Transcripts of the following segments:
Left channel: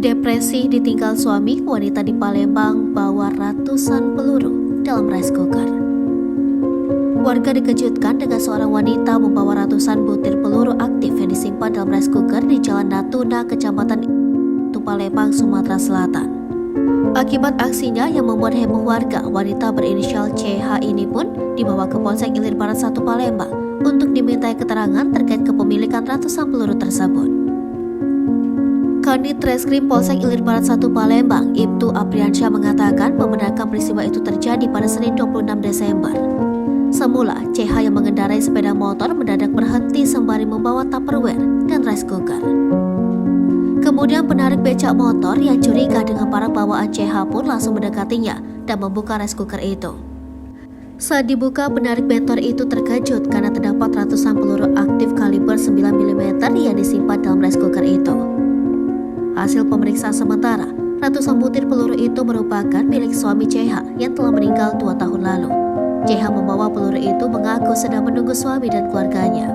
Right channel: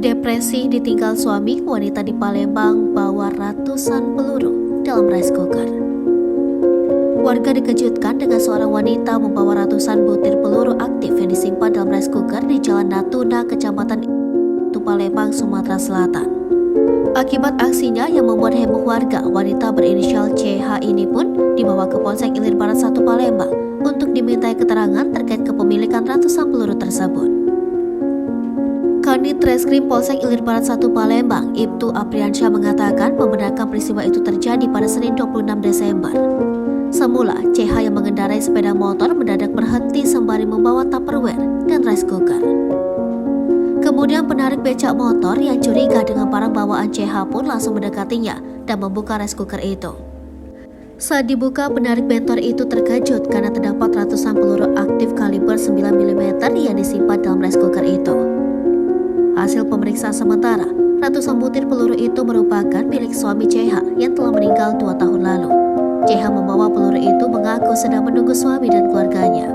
Depresi ditinggal suami, wanita di Palembang bawa ratusan peluru dalam rice cooker. Warga dikejutkan dengan seorang wanita membawa ratusan butir peluru aktif yang disimpan dalam rice cooker di Jalan Natuna, Kecamatan Palembang, Sumatera Selatan. Akibat aksinya yang membuat heboh warga, wanita berinisial CH ini pun dibawa ke Polsek Ilir Barat 1 Palembang untuk dimintai keterangan terkait kepemilikan ratusan peluru tersebut. Kanit Reskrim Polsek Ilir Barat 1 Palembang, Ibtu Apriansyah mengatakan membenarkan peristiwa itu terjadi pada Senin 26 Desember. Semula, CH yang mengendarai sepeda motor mendadak berhenti sembari membawa Tupperware dan rice cooker. Kemudian penarik becak motor yang curiga dengan barang bawaan CH pun langsung mendekatinya dan membuka rice cooker itu. Saat dibuka, penarik bentor itu terkejut karena terdapat ratusan peluru aktif kaliber 9mm yang disimpan dalam rice cooker itu. Hasil pemeriksaan sementara, ratusan butir peluru itu merupakan milik suami CH yang telah meninggal 2 tahun lalu. CH membawa peluru itu mengaku sedang menunggu suami dan keluarganya.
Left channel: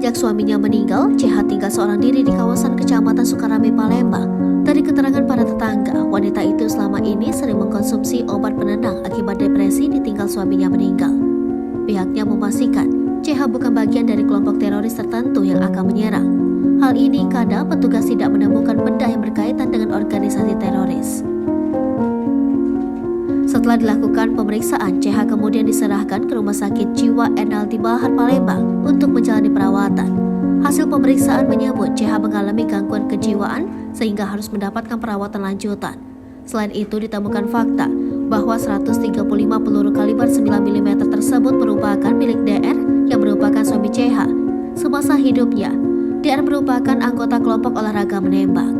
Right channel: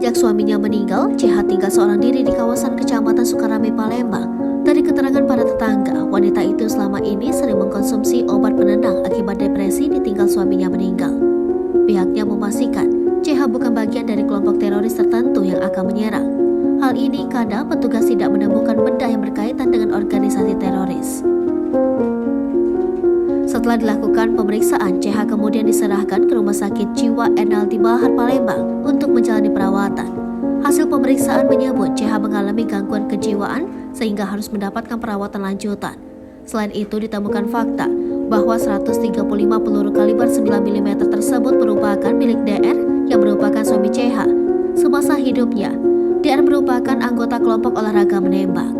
Sejak suaminya meninggal, CH tinggal seorang diri di kawasan Kecamatan Sukarame, Palembang. Dari keterangan para tetangga, wanita itu selama ini sering mengkonsumsi obat penenang akibat depresi ditinggal suaminya meninggal. Pihaknya memastikan CH bukan bagian dari kelompok teroris tertentu yang akan menyerang. Hal ini karena petugas tidak menemukan benda yang berkaitan dengan organisasi teroris. Setelah dilakukan pemeriksaan, CH kemudian diserahkan ke Rumah Sakit Jiwa NLD Bahar Palembang untuk menjalani perawatan. Hasil pemeriksaan menyebut CH mengalami gangguan kejiwaan sehingga harus mendapatkan perawatan lanjutan. Selain itu ditemukan fakta bahwa 135 peluru kaliber 9mm tersebut merupakan milik DR yang merupakan suami CH. Semasa hidupnya, DR merupakan anggota kelompok olahraga menembak.